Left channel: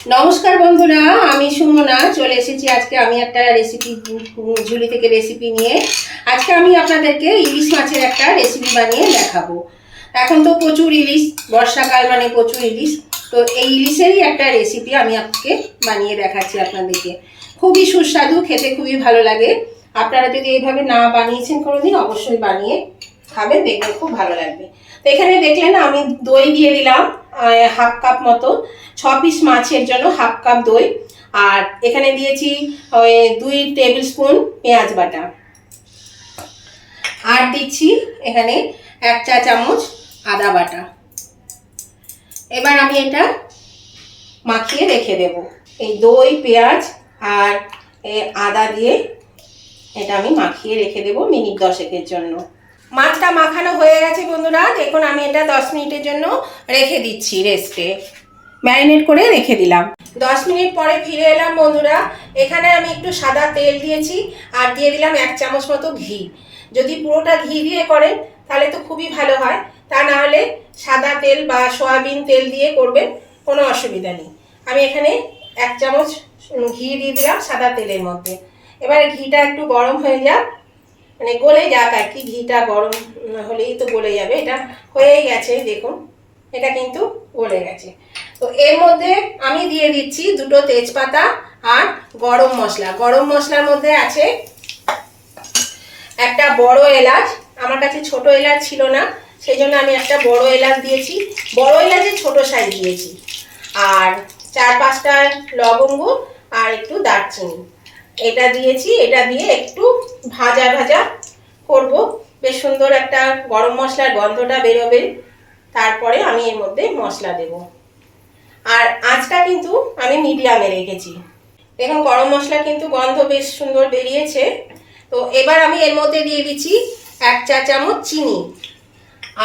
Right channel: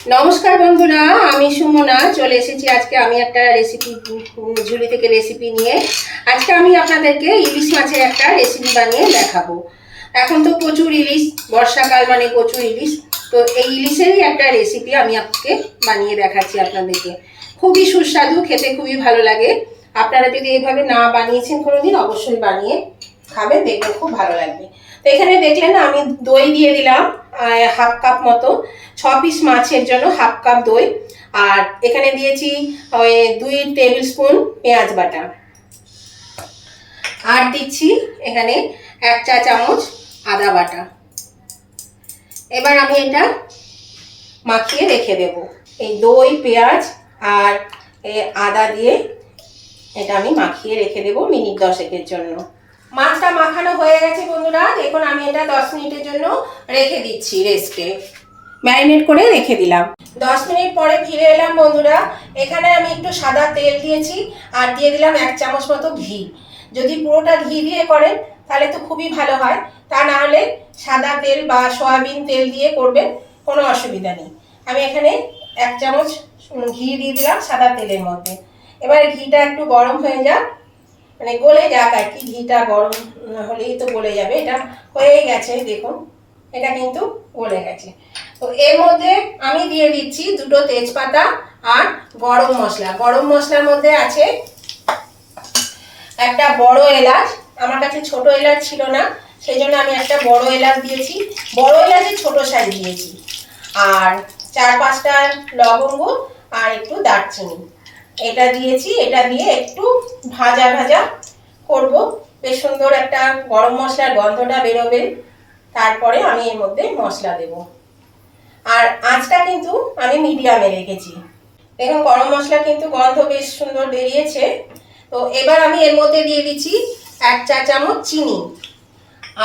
নমস্কার বন্ধুরা, আমি সুমনা চলে এসেছি। আজকে আমি একটা রেসিপি ঝুলি থেকে রেসিপি নিয়ে আজকে আমি আপনাদেরকে ইলিশ মাছের একটা রেসিপি বানিয়ে দেখাবো। এখন তো প্রচুর ইলিশ, বর্ষাকাল মানে প্রচুর ইলিশ। তো এই ইলিশেরই একটা রেসিপি আমি আপনাকে বানিয়ে দেখাচ্ছি আপনাদেরকে। খুবই সুস্বাদু, খেতে খুবই ভালো লাগে। আপনারা যদি এইভাবে না বানিয়েছেন কোনোদিন, অবশ্যই বানিয়ে খাবেন, দেখবেন খুব ভালো লাগবে। তো এখানে দেখলেন আমি দই দিয়ে দিলাম হাফ কাপ মতো। 6 পিস মাছের জন্য হাফ কাপ দই। আর এখানে দিয়েছি 2 টেবিল স্পুন পেঁয়াজ বাটা। আর দিচ্ছি এখানে 1 চা চামচ আদা বাটা। এবার আমি এটা মাখিয়ে রেখে দেব। এই দই, পেঁয়াজ আর আদা দিয়ে এটা আমি মাখিয়ে রেখে দেব মিনিট 10 জন্য। মাছটা মাখানো হয়ে গেছে বন্ধুরা, দেখুন আমি এটা 10 মিনিটের জন্য রেখে দিচ্ছি রেস্টে। ম্যারিনেট করে রেখে দিলাম। 10 মিনিট পরে ফিরে এলাম বন্ধুরা। এখানে আমি একটু সাদা তেল দিয়েছি আর দিয়ে দিলাম 1 চামচ মতো ঘি। যদি পুরোটা ঘি দিয়ে করেন তাহলে তো খুবই ভালো হয়, তা না হলে সাদা তেল বা সয়াবিন তেল দিয়ে করবেন, কোনো অসুবিধা নেই। আমি এখানে 1 চামচ ঘি দিয়ে দিলাম সাদা তেলের মধ্যে। এবার ঘিটা একটু গরম হয়ে যাক, মানে গলে যাক আর কি। ঘিটা গরম হলেই তো গলে যাবে। এটা হয়ে গেছে, দেখুন এটা কিন্তু গলে গেছে। তো এর মধ্যে আমি দিয়ে দিচ্ছি 2টো তেজপাতা আর গরম মশলা। গরম মশলার মধ্যে আছে একটা বড় এলাচ। আমার কাছে ছোট এলাচ ছিল না, সেই জন্য আমি একটা বড় এলাচ দিয়েছি। বড় এলাচের ছোট সাইজ দিয়েছি। আর 4-5টা লবঙ্গ আর একটু দারচিনি এটা দিয়েছি। এটা দিয়ে একটু ভাজা ভাজা করব, বেশ সুন্দর একটা গরম মশলার গন্ধটা বেরোবে। তারপরে আমি এর মধ্যে মশলা দেব। আর আঁচটা কিন্তু আমি মিডিয়ামে রেখেছি। দেখুন গরম মশলা কিন্তু গন্ধ বেশ সুন্দর বেরিয়েছে। তো এবার আমি এর মধ্যে দিয়ে দিচ্ছি 1 চা চামচ চিনি।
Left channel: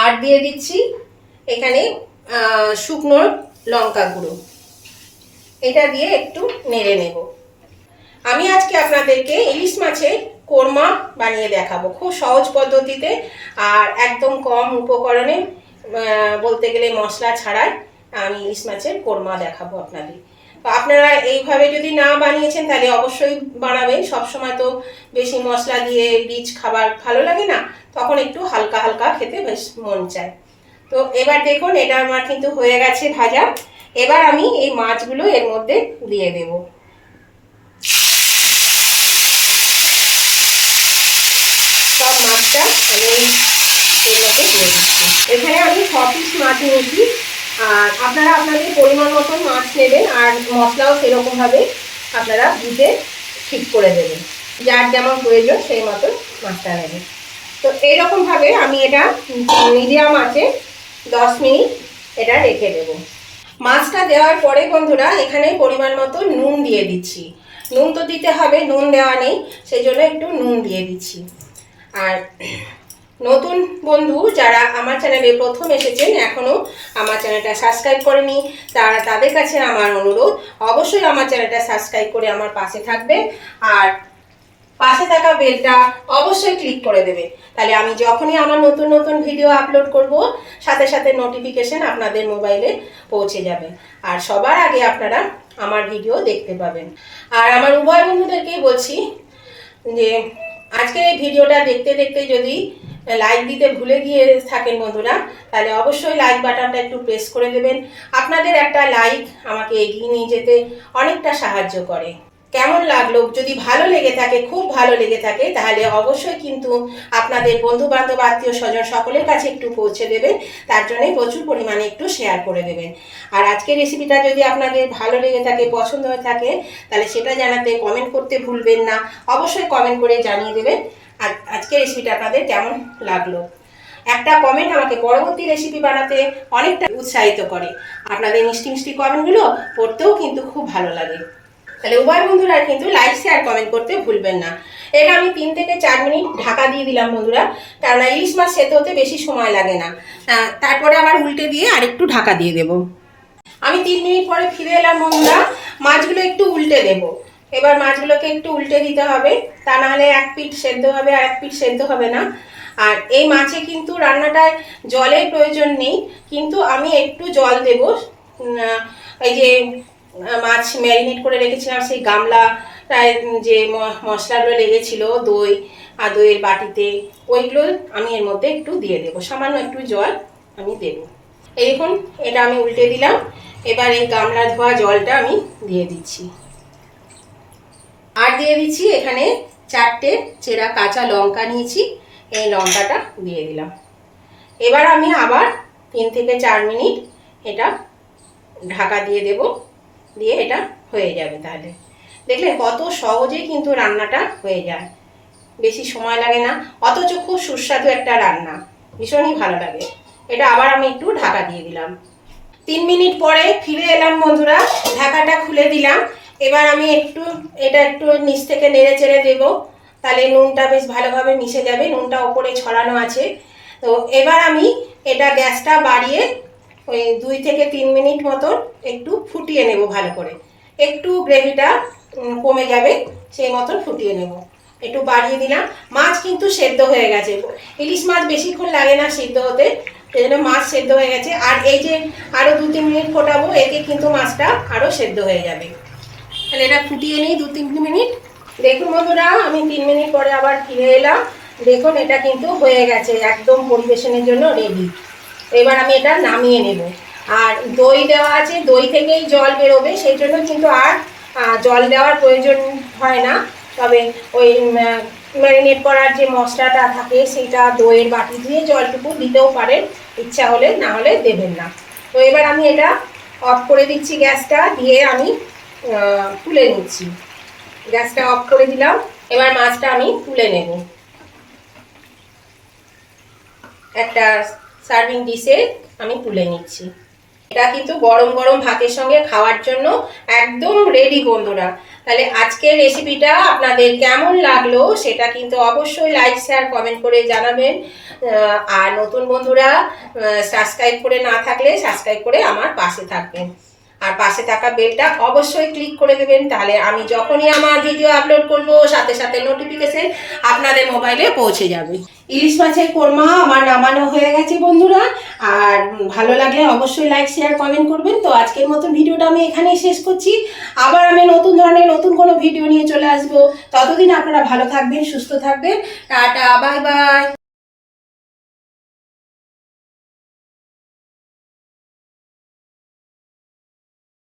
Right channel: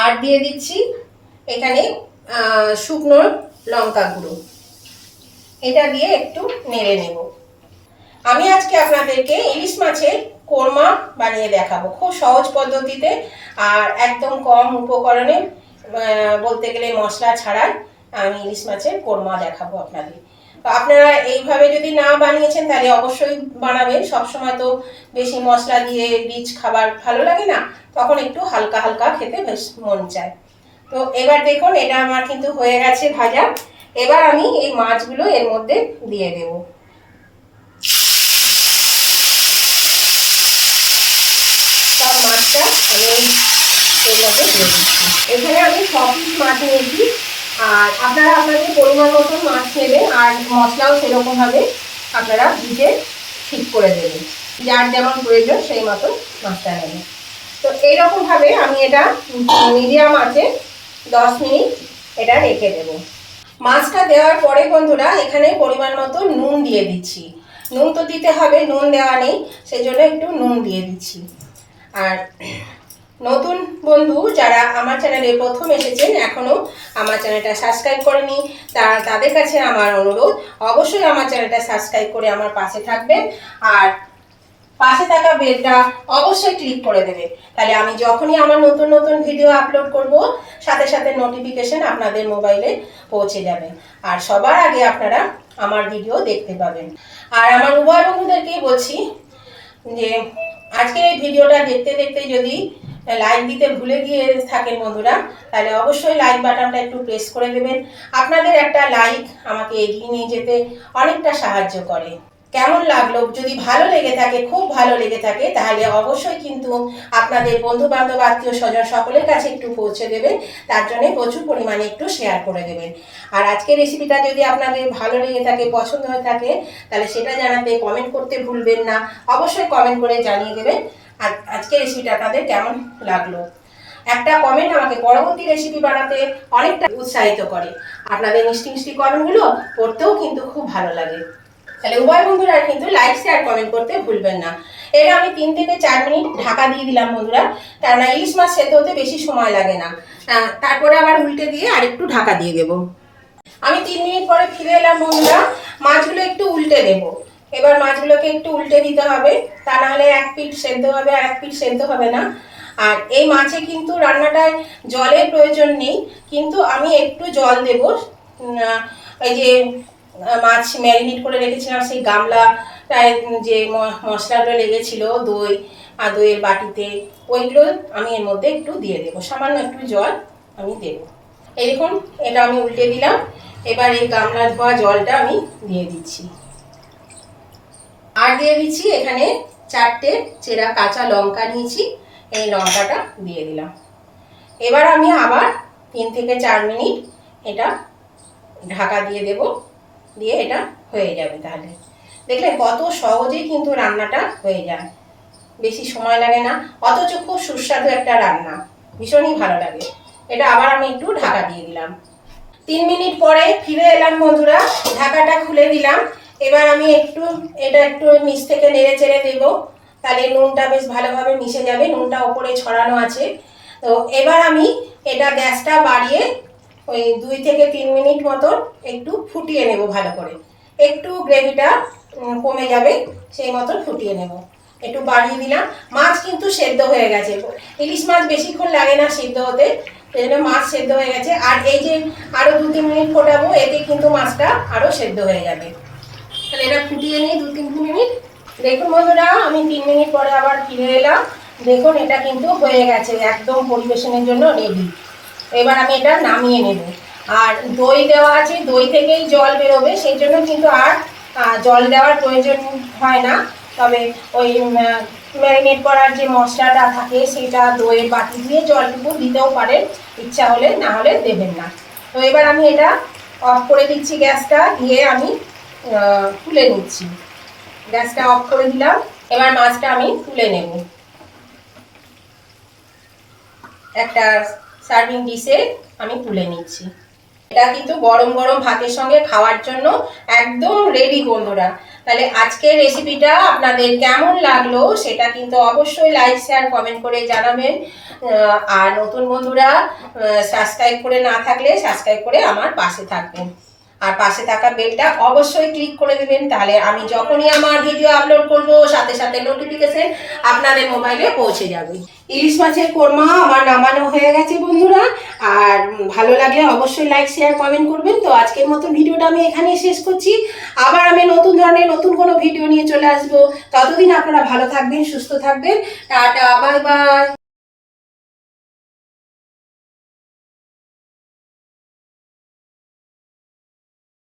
আর দিয়ে দিচ্ছি এখানে শুকনো লঙ্কা গুঁড়ো। এটা দিয়ে একটু নেড়ে নেব। আমি আজকে আপনাদেরকে ইলিশ মাছের কোরমা বানিয়ে দেখাবো, খুব সহজ পদ্ধতিতে আর একদম কম উপকরণে, বলতে গেলে মশলা ছাড়া আমি ইলিশ মাছের কোরমা দেখাবো আপনাদের। তো আপনারা এইভাবে যদি না বানিয়েছেন তাহলে অবশ্যই বানাবেন। সবসময় তো বেশি মশলা দিয়ে রিচ খাবার ভালো লাগে না, তখন একটু হালকা হালকা খেতে বেশ মন চায়। তো এবার দেখুন এটা আমার কিন্তু হয়ে গেছে ভাজা। এবার আমি এই মাছগুলো এর মধ্যে দিয়ে দেবো। সব মাছটা আমি এর মধ্যে দিয়ে দিচ্ছি। এখানে আমি 6 পিস মাছ নিয়েছি। আর আপনারা আপনাদের পরিমাণ মতো মাছ নেবেন, আর মশলাও সেরকমভাবে আপনারা দিতে ঠিক করে দেবেন। যার যেমন প্রয়োজন সেই মতো মাছটা নেবেন। তো এইরকমভাবে আমি এটা মিডিয়াম আঁচে 10 মিনিট এটা রেখে দেব। মাছটা দেওয়ার পরে বন্ধুরা এখানে পরিমাণ মতো নুন দিয়ে দিচ্ছি। নুন তো দিতে হবে, নুন দেওয়া নেই, সেই জন্য একটু নুন দিয়ে দিচ্ছি। আর নতুন বন্ধু যারা আমার চ্যানেলে প্রথম এসেছেন, এখনো আমার চ্যানেলটা সাবস্ক্রাইব করেনি, তাদের কাছে আমার অনুরোধ, অবশ্যই আমার চ্যানেলটা সাবস্ক্রাইব করে আমার পাশে থাকবে। আর পাশে থাকা বেলটা অবশ্যই ক্লিক করে দেবে, তাহলে আমি যখনই আমার নতুন নতুন ভিডিও আপলোড করব সাথে সাথে নোটিফিকেশন আপনাদের মোবাইলে পৌঁছে যাবে। আর সবার আগে আপনারা আমার ভিডিও দেখতে পাবেন। আর আমার উভয় বন্ধুদেরকেই বলছি যে আজকে এই ভিডিওটা দেখতে দেখতে যদি লাইক দিতে ভুলে গিয়ে থাকেন বন্ধুরা, তাহলে অবশ্যই লাইক বাটনটা একটু প্রেস করে দেবেন। আপনাদের একটা লাইক আমাকে এগিয়ে নিয়ে যেতে অনেকটা সাহায্য করে। কেমন লাগলো? যদি ভালো লেগে থাকে, খুব ভালো লেগে থাকে, তাহলে অবশ্যই কিন্তু আপনাদের বন্ধু বান্ধব, আত্মীয় স্বজন সকলের কাছে একটু পৌঁছে দেবেন। তার জন্য প্রচুর পরিমাণে একটু শেয়ার করে দেবেন। আর আজকের রেসিপিটা যদি আপনাদের ভালো লেগে থাকে, পছন্দ হয়ে থাকে, তাহলে সেটা জানাতে কমেন্ট করতে ভুলবেন না। অবশ্যই কমেন্ট করে জানিয়ে দেবেন আর আজকের রেসিপিটা আপনাদের কেমন লাগলো। একটা কমেন্ট আমাকে পরবর্তী রেসিপি বানাতে অনেকটা উৎসাহিত করে। আপনাদের মিষ্টি মিষ্টি কমেন্টগুলো পড়তেও কিন্তু খুব ভালো লাগে। তাহলে উভয় বন্ধুরা কিন্তু লাইক শেয়ার কমেন্ট করতে ভুলবেন না। এটা আমি 3 থেকে 4 মিনিট ঢাকা দিয়ে দিলাম বন্ধুরা, কারণ ইলিশ মাছ সেদ্ধ হতে বেশি সময় লাগে না। তারপরে আবার উল্টে দিয়ে আর একটু ঢাকা দিয়ে দেব। আমি 3 মিনিট পরে ফিরে এলাম বন্ধুরা। মাছগুলো একটু উল্টে দেব। এবার মাছগুলোকে একটু উল্টে দিতে হবে, তা নাহলে এক পিঠ সেদ্ধ হবে আর এক পিঠ সেদ্ধ হবে না। আর এই মাছে কিন্তু রান্নাটায় জলের প্রয়োজন নেই, কিন্তু আমি একটু জল দেব। এই যে মাছ ম্যারিনেট করে রেখেছিলাম সেই গামলাটায় যে মশলাগুলো লেগেছিল, দই আর দইয়ের বাটিতে, ওইগুলো আমি এর মধ্যে একটু দিয়ে দেবো, সামান্য একটু জল আমি দেবো। এই দেখুন, এটা আমি উল্টে দিলাম। এবার এই গামলা ধোয়া জলটা আমি দিয়ে দিচ্ছি, আর দিয়ে দিচ্ছি এখানে 4টে চেরা কাঁচা লঙ্কা নিয়েছি, এই লঙ্কাটা দিয়ে দিলাম। এবার আমি আবার 3 থেকে 4 মিনিট এটা ঢাকা দিয়ে দেব, দিয়ে এটা হয়ে যাবে। তাহলে দেখলে কত সহজেই কিন্তু রান্নাটা হয়ে যায়, বেশি সময় লাগে না, অথচ খুব সুস্বাদু একটা রান্না, ভীষণই ভালো লাগে। এটা আবার আমি একটু ঢাকা দিয়ে দিলাম। 3 মিনিট পরে ফিরে এলাম বন্ধুরা, ঢাকাটা খুলে দিলাম। এবার আমি এটা একটু নিচ থেকে নেড়ে চেড়ে দেবো, তাহলে নুনটা বেশ ভালোভাবে মিশে যাবে, নুনটা ওপরে ছড়ানো আছে। তো এবার আমি এটা গ্যাসটা বাড়িয়ে ওই 2 থেকে 3 মিনিট মতন একটু ফুটিয়ে নেব ভালো করে, একটু গ্রেভিটা কমে যাবে সেই মতন ফুটিয়ে নেব। একটু বাড়িয়ে দিলাম। মাছ কিন্তু সেদ্ধ হয়ে গেছে, ইলিশ মাছ বেশিক্ষণ লাগে না সিদ্ধ হতে, এই জন্য মাছ সেদ্ধ হয়ে গেছে। আর এই যে আরও 2-3 মিনিট ফোটাবো, এতে কিন্তু মাছটা আরও সেদ্ধ হয়ে যাবে। তাহলে এটা ফুটিয়ে নিই 2-3 মিনিট। দেখুন বন্ধুরা, আমি 3 মিনিট পরে আবার ফিরে এলাম। দেখুন এটা কিন্তু হয়ে গেছে, একদম পরিবেশনের জন্য রেডি। এবার আমি এটা নামিয়ে নেব। আর দই দেওয়া আছে, দই থেকেই জল বেরোবে, সেই জন্য কিন্তু আর জল দেওয়ার প্রয়োজন হয় না। তবে ওই ম্যারিনেট করার যে মশলাটা থাকে সেটা দইয়ের বাটি দিয়ে জলটুকু দিতেও পারেন ইচ্ছা হলে, না হলে দেবেন না। তো এবার আমি এটা অফ করে দিচ্ছি গ্যাসটা, দিয়ে আমি তুলে নিচ্ছি। গ্যাসটা অফ করে দিলাম। এবার মাছটা আমি তুলে নেব একটা সার্ভিং ডিশে, আমি তুলে নিচ্ছি। এটা কিন্তু গরম গরম ভাতের সঙ্গে খাওয়ার জন্য একদম রেডি বন্ধুরা। তাহলে আজকের রেসিপিটা আপনাদের কেমন লাগলো সেটা কিন্তু অবশ্যই লাইক শেয়ার কমেন্ট করে জানাবেন। আর নতুন বন্ধুরা সাবস্ক্রাইব করে না থাকলে সাবস্ক্রাইব করে আমার পাশে থাকবেন, আর পাশে থাকা বেলটা অবশ্যই ক্লিক করে দেবেন, তাহলে আমি যখনই আমার ভিডিও আপলোড করব সাথে সাথে নোটিফিকেশন আপনাদের মোবাইলে পৌঁছে যাবে। ইলিশ মাছের কোরমা আমার নামানো হয়ে গেছে বন্ধুরা। আর ভালো লাগলে অবশ্যই লাইক শেয়ার কমেন্ট করবেন। তো আজকের মতো ভিডিওটা আমি এখানেই শেষ করছি। আবার আমি নতুন ধরনের নতুন কোনো ভিডিও নিয়ে চলে আসবো। ততদিন আপনারা ভালো থাকবেন, সুস্থ থাকবেন। Tata, bye bye.